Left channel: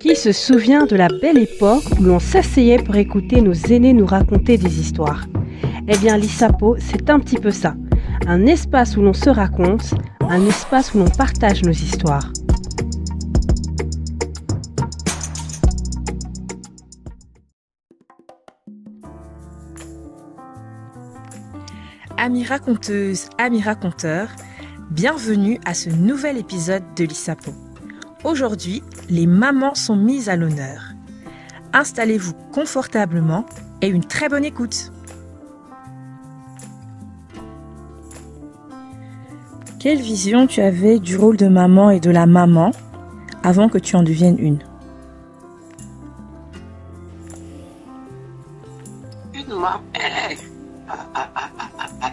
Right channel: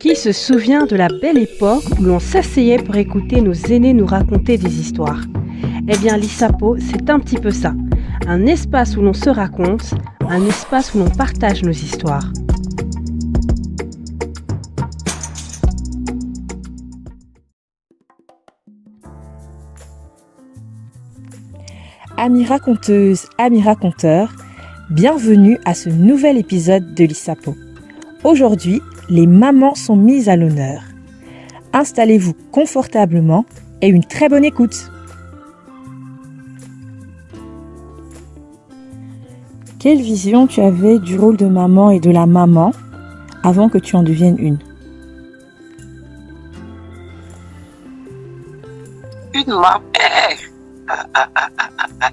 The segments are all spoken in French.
Qui se souvient de la belle époque où l'on s'asseyait pour écouter nos aînés nous raconter des histoires? Eh bien, l'ISAPO, c'est un petit peu ça. Un espace où l'on se raconte, un espace où l'on partage nos histoires. Amis raconteuses, amis raconteurs, bienvenue à ce nouvel épisode de l'ISAPO. Aujourd'hui, les mamans sont mises à l'honneur. Installez-vous confortablement et une très bonne écoute. Quelle vision tu avais du rôle de maman et de la maman avant que tu en deviennes une?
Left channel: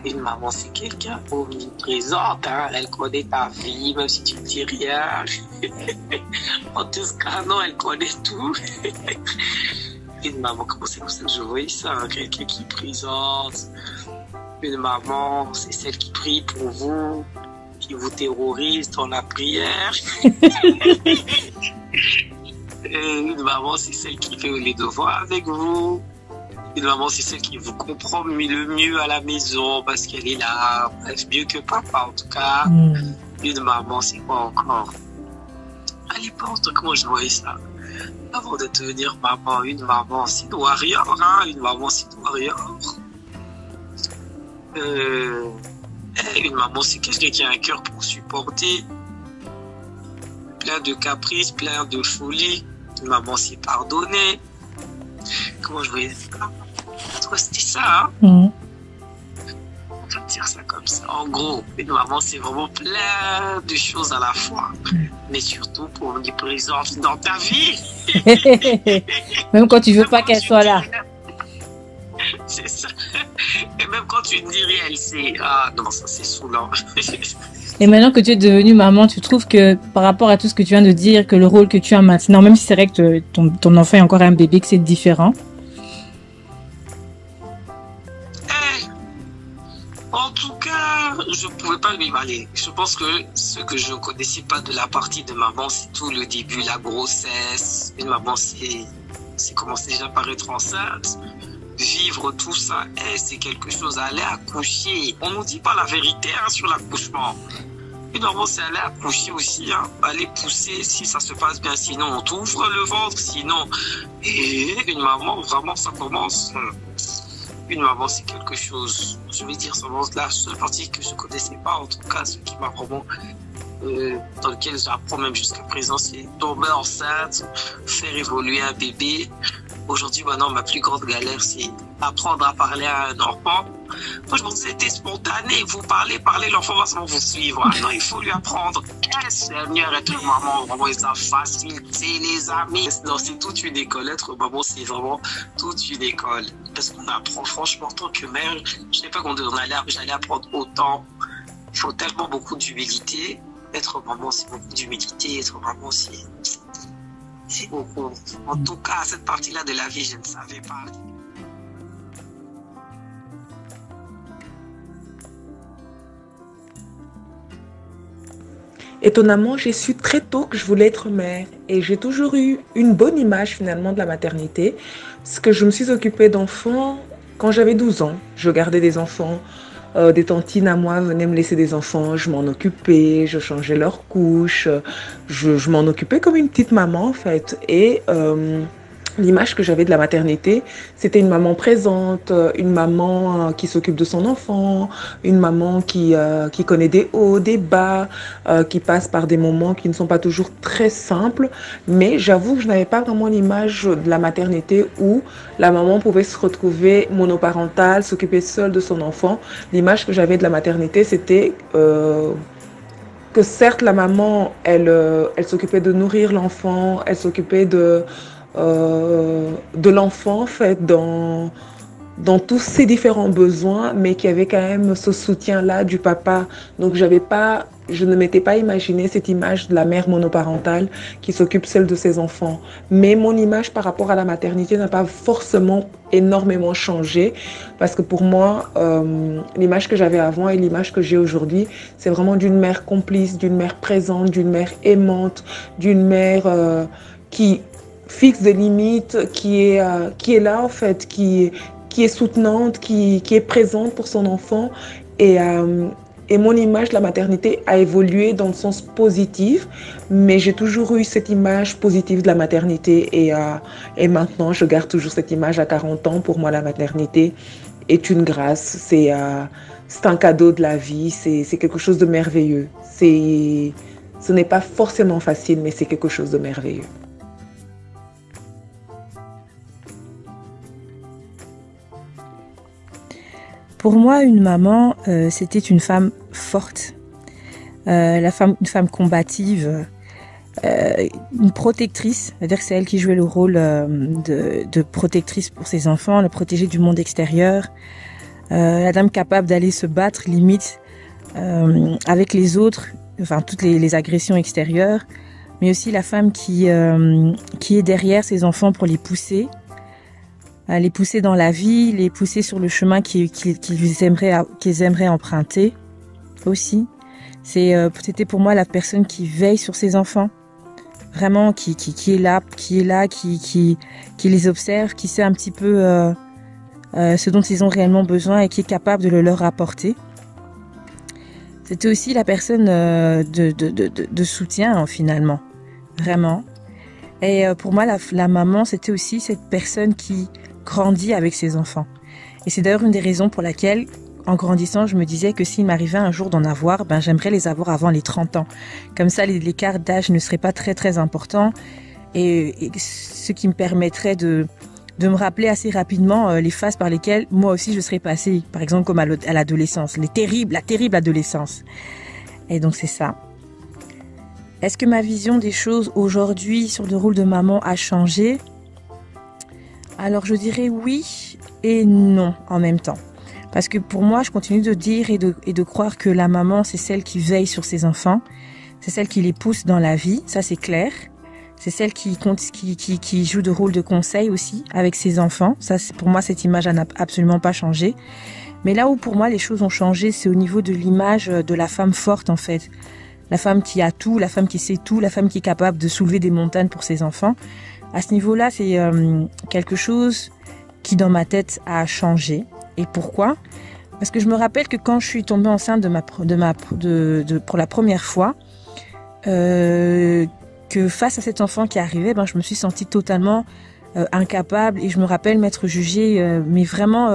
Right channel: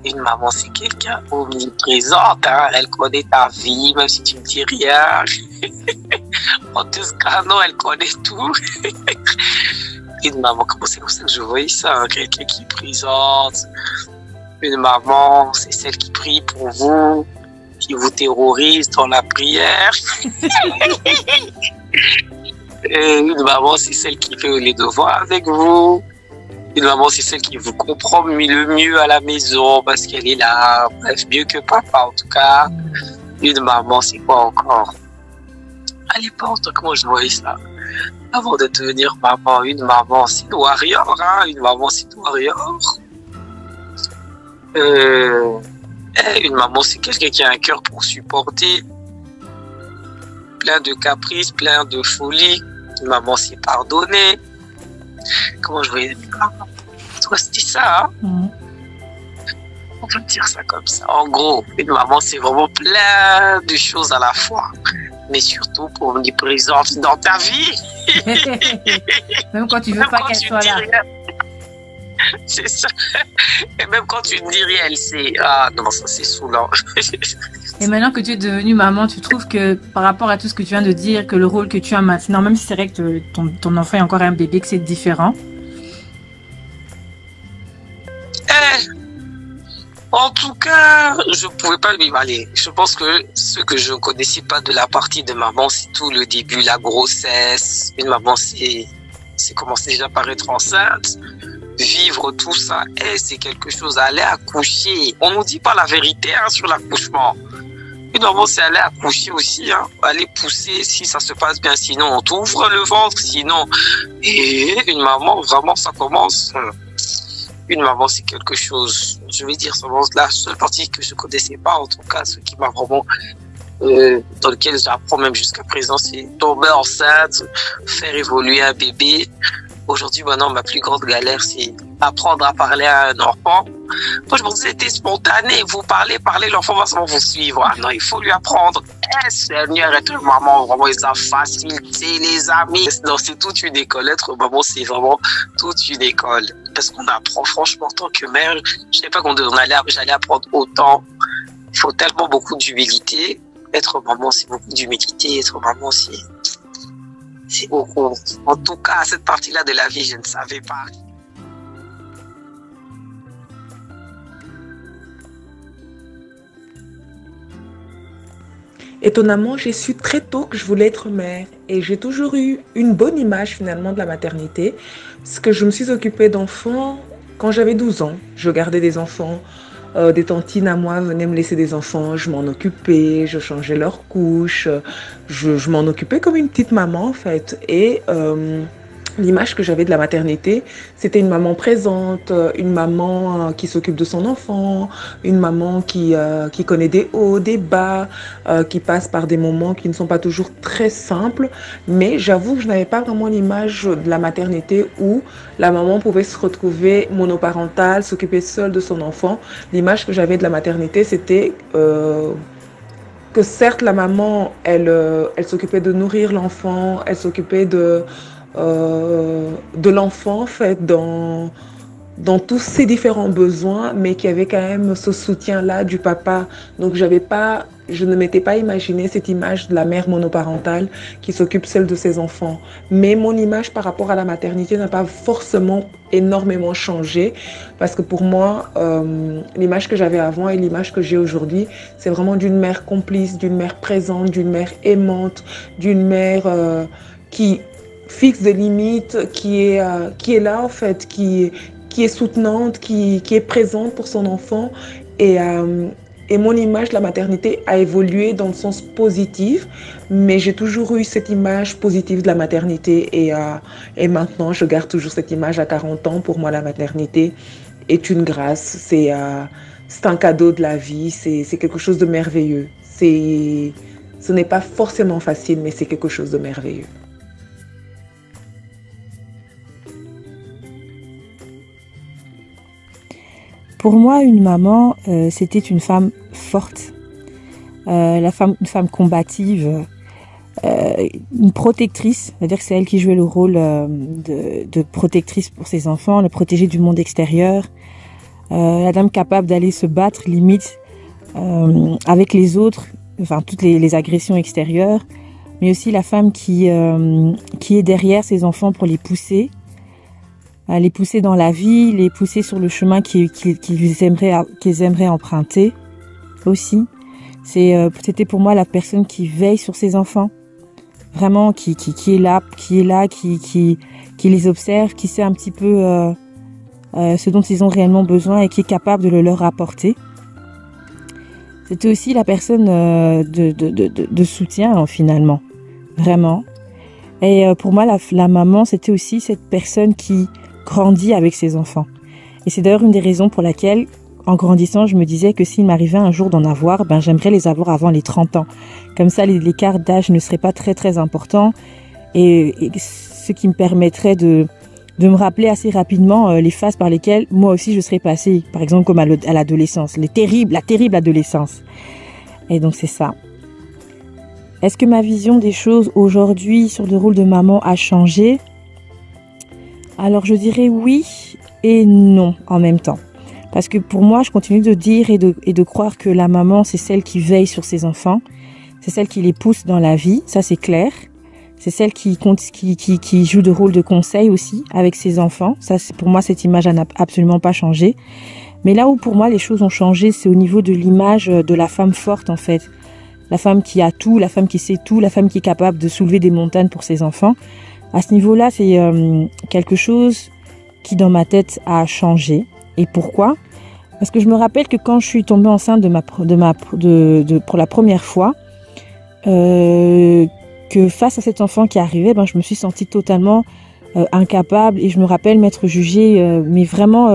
Une maman, c'est quelqu'un omniprésente, hein. Elle connaît ta vie, même si tu ne dis rien. En tout cas, non, elle connaît tout. Une maman, c'est comme ça que je voyais ça, hein. Quelqu'un qui est présente. Une maman, c'est celle qui prie pour vous, qui vous terrorise dans la prière. Une maman, c'est celle qui fait les devoirs avec vous. Une maman, c'est celle qui vous comprend le mieux à la maison parce qu'elle est là, bref, mieux que papa en tout cas. Une maman, c'est quoi encore? À l'époque, comment je voyais ça? Avant de devenir maman, une maman, c'est une warrior, hein? Une maman, c'est une warrior. Une maman, c'est quelqu'un qui a un cœur pour supporter. Plein de caprices, plein de folie. Une maman, c'est pardonner. Comment je voyais ça? C'était ça, hein? On peut dire ça comme ça. En gros, une maman, c'est vraiment plein de choses à la fois. Mais surtout pour venir présente dans ta vie. Même quand tu veux pas qu'elle soit là. C'est ça. Et même quand tu ne dis rien, elle sait. Ah non, ça c'est saoulant. Et maintenant que tu es devenue maman, tu trouves que par rapport à tout ce que tu viens de dire, que le rôle que tu as maintenant, même si c'est vrai que ton enfant est encore un bébé, que c'est différent? En tout cas, je ne pouvais pas lui aller. Je pense que ce que je ne connaissais pas de la partie de maman, c'est tout le début, la grossesse. Une maman, c'est commencer déjà par être enceinte. Vivre tout ça, c'est quelque chose. Aller accoucher. On ne nous dit pas la vérité, hein, sur l'accouchement. Une maman, c'est aller accoucher aussi, hein. Aller pousser si ça se passe bien. Sinon, on t'ouvre le ventre. Sinon, et une maman, vraiment, ça commence. Une maman, c'est quelque chose. Je vais dire, la seule partie que je ne connaissais pas, en tout cas, ce qui m'a vraiment. Dans lequel j'apprends même jusqu'à présent, c'est tomber enceinte, faire évoluer un bébé. Aujourd'hui, maintenant, ma plus grande galère, c'est apprendre à parler à un enfant. Moi, je pensais que c'était spontané. Vous parlez, l'enfant va sans vous suivre. Ah non, il faut lui apprendre. Seigneur, être maman, vraiment, ça facilite les amis. Non, c'est toute une école. Être maman, c'est vraiment toute une école. Parce qu'on apprend, franchement, en tant que mère, je ne savais pas j'allais apprendre autant. Il faut tellement beaucoup d'humilité. Être maman, c'est beaucoup d'humilité. Être maman, c'est beaucoup. En tout cas, cette partie-là de la vie, je ne savais pas. Étonnamment, j'ai su très tôt que je voulais être mère et j'ai toujours eu une bonne image finalement de la maternité parce que je me suis occupée d'enfants quand j'avais 12 ans. Je gardais des enfants, des tantines à moi venaient me laisser des enfants, je m'en occupais, je changeais leurs couches, je m'en occupais comme une petite maman en fait. Et l'image que j'avais de la maternité, c'était une maman présente, une maman qui s'occupe de son enfant, une maman qui connaît des hauts, des bas, qui passe par des moments qui ne sont pas toujours très simples. Mais j'avoue que je n'avais pas vraiment l'image de la maternité où la maman pouvait se retrouver monoparentale, s'occuper seule de son enfant. L'image que j'avais de la maternité, c'était que certes, la maman, elle s'occupait de nourrir l'enfant, elle s'occupait de l'enfant en fait dans tous ses différents besoins, mais qui avait quand même ce soutien-là du papa. Donc je ne m'étais pas imaginé cette image de la mère monoparentale qui s'occupe seule de ses enfants. Mais mon image par rapport à la maternité n'a pas forcément énormément changé, parce que pour moi, l'image que j'avais avant et l'image que j'ai aujourd'hui, c'est vraiment d'une mère complice, d'une mère présente, d'une mère aimante, d'une mère qui fixe des limites, qui est là en fait, qui est soutenante, qui est présente pour son enfant. Et mon image de la maternité a évolué dans le sens positif, mais j'ai toujours eu cette image positive de la maternité. Et maintenant, je garde toujours cette image à 40 ans. Pour moi, la maternité est une grâce. C'est un cadeau de la vie. C'est quelque chose de merveilleux. Ce n'est pas forcément facile, mais c'est quelque chose de merveilleux. Pour moi, une maman, c'était une femme forte, une femme combative, une protectrice, c'est-à-dire que c'est elle qui jouait le rôle de protectrice pour ses enfants, le protéger du monde extérieur, la dame capable d'aller se battre limite avec les autres, enfin toutes les agressions extérieures, mais aussi la femme qui est derrière ses enfants pour les pousser dans la vie, les pousser sur le chemin qu'ils aimeraient emprunter aussi. C'était pour moi la personne qui veille sur ses enfants, vraiment qui est là, qui les observe, qui sait un petit peu ce dont ils ont réellement besoin et qui est capable de le leur apporter. C'était aussi la personne de soutien finalement, vraiment. Et pour moi, la maman, c'était aussi cette personne qui grandit avec ses enfants. Et c'est d'ailleurs une des raisons pour laquelle, en grandissant, je me disais que s'il m'arrivait un jour d'en avoir, j'aimerais les avoir avant les 30 ans. Comme ça, l'écart d'âge ne serait pas très très important et ce qui me permettrait de me rappeler assez rapidement les phases par lesquelles moi aussi je serais passée, par exemple comme à l'adolescence, la terrible adolescence. Et donc c'est ça. Est-ce que ma vision des choses aujourd'hui sur le rôle de maman a changé ? Alors je dirais oui et non en même temps. Parce que pour moi, je continue de dire et de croire que la maman, c'est celle qui veille sur ses enfants. C'est celle qui les pousse dans la vie, ça c'est clair. C'est celle qui joue le rôle de conseil aussi avec ses enfants. Ça, pour moi, cette image n'a absolument pas changé. Mais là où pour moi les choses ont changé, c'est au niveau de l'image de la femme forte en fait. La femme qui a tout, la femme qui sait tout, la femme qui est capable de soulever des montagnes pour ses enfants. À ce niveau-là, c'est quelque chose qui dans ma tête a changé. Et pourquoi ? Parce que je me rappelle que quand je suis tombée enceinte pour la première fois, que face à cet enfant qui arrivait, je me suis sentie totalement incapable. Et je me rappelle m'être jugée, mais vraiment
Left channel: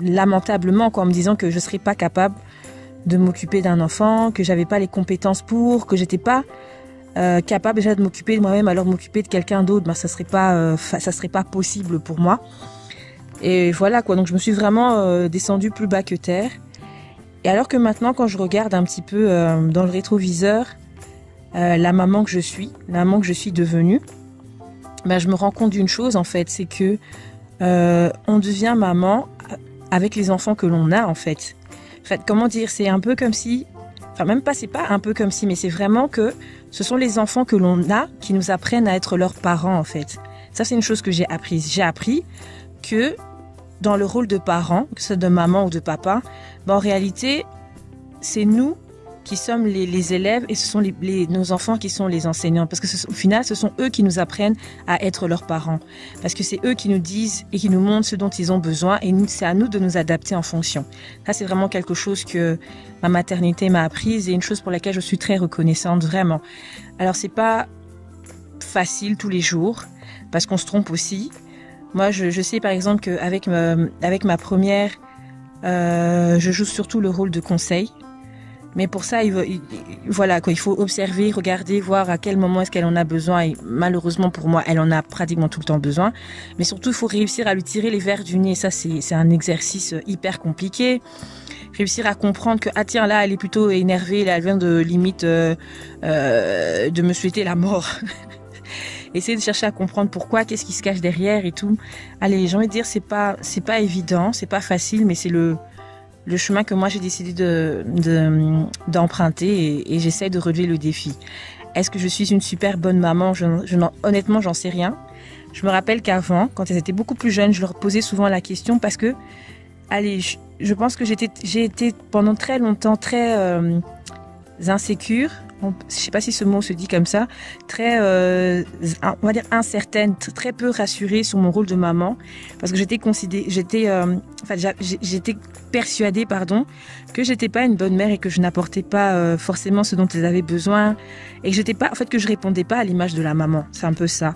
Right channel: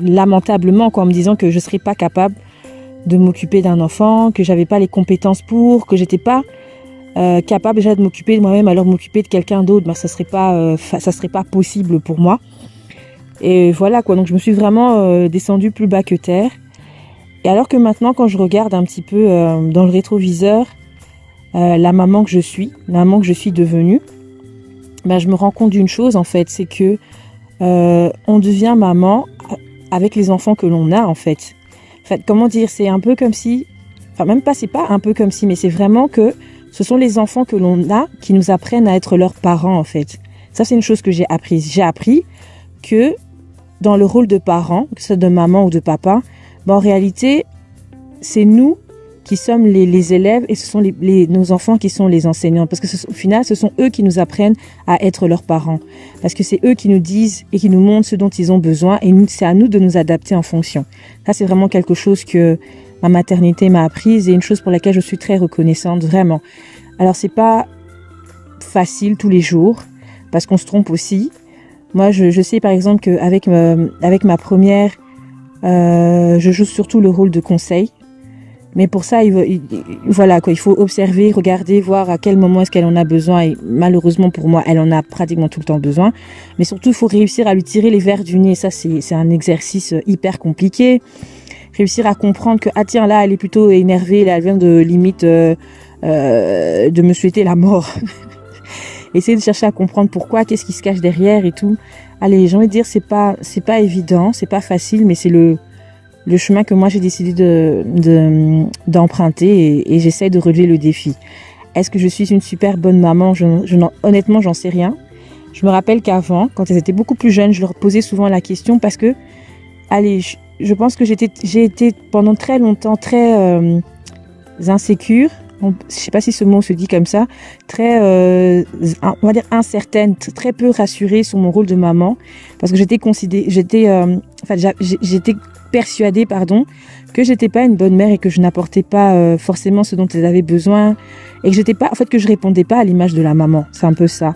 lamentablement, en me disant que je ne serais pas capable de m'occuper d'un enfant, que j'avais pas les compétences pour, que j'étais pas capable déjà de m'occuper de moi-même, alors m'occuper de quelqu'un d'autre, ça serait pas possible pour moi. Et voilà quoi, donc je me suis vraiment descendue plus bas que terre. Et alors que maintenant, quand je regarde un petit peu dans le rétroviseur la maman que je suis devenue, je me rends compte d'une chose en fait, c'est que on devient maman avec les enfants que l'on a en fait. En fait, comment dire, c'est un peu comme si, c'est pas un peu comme si, mais c'est vraiment que ce sont les enfants que l'on a qui nous apprennent à être leurs parents, en fait. Ça, c'est une chose que j'ai apprise. J'ai appris que dans le rôle de parents, que ce soit de maman ou de papa, en réalité, c'est nous qui sommes les élèves et ce sont nos enfants qui sont les enseignants. Parce que au final, ce sont eux qui nous apprennent à être leurs parents. Parce que c'est eux qui nous disent et qui nous montrent ce dont ils ont besoin et c'est à nous de nous adapter en fonction. Ça, c'est vraiment quelque chose que ma maternité m'a apprise et une chose pour laquelle je suis très reconnaissante, vraiment. Alors, c'est pas facile tous les jours, parce qu'on se trompe aussi. Moi, je sais par exemple qu'avec avec ma première, je joue surtout le rôle de conseil. Mais pour ça, il faut observer, regarder, voir à quel moment est-ce qu'elle en a besoin. Et malheureusement pour moi, elle en a pratiquement tout le temps besoin. Mais surtout, il faut réussir à lui tirer les vers du nez. Ça, c'est un exercice hyper compliqué. Réussir à comprendre que, tiens, là, elle est plutôt énervée, là, elle vient de limite de me souhaiter la mort. Essayer de chercher à comprendre pourquoi, qu'est-ce qui se cache derrière et tout. allez, j'ai envie de dire, c'est pas évident, c'est pas facile, mais c'est le chemin que moi j'ai décidé d'emprunter et j'essaie de relever le défi. Est-ce que je suis une super bonne maman? Honnêtement, j'en sais rien. Je me rappelle qu'avant, quand elles étaient beaucoup plus jeunes, je leur posais souvent la question parce que, allez, je pense que j'ai été pendant très longtemps très insécure. Je sais pas si ce mot se dit comme ça. Très, on va dire incertaine, très peu rassurée sur mon rôle de maman parce que j'étais persuadée, que j'étais pas une bonne mère et que je n'apportais pas forcément ce dont elles avaient besoin et que je répondais pas à l'image de la maman. C'est un peu ça.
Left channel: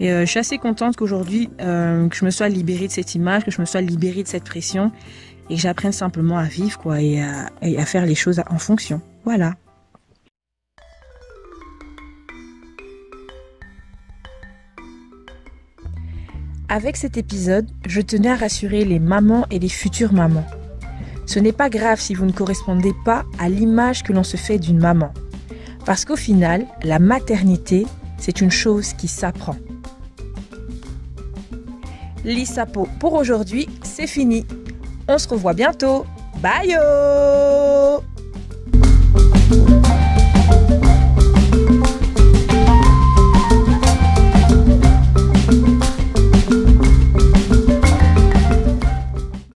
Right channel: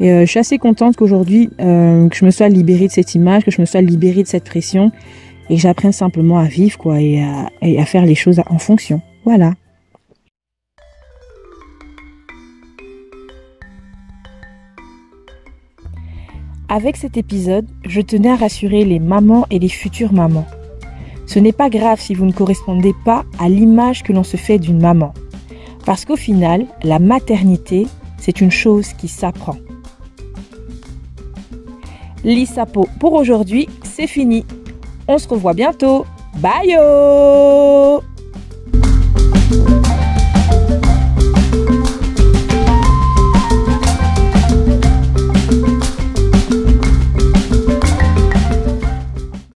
Et je suis assez contente qu'aujourd'hui, que je me sois libérée de cette image, que je me sois libérée de cette pression et que j'apprenne simplement à vivre, quoi, et à faire les choses en fonction. Voilà. Avec cet épisode, je tenais à rassurer les mamans et les futures mamans. Ce n'est pas grave si vous ne correspondez pas à l'image que l'on se fait d'une maman. Parce qu'au final, la maternité, c'est une chose qui s'apprend. L'ISAPO pour aujourd'hui, c'est fini. On se revoit bientôt. Bye!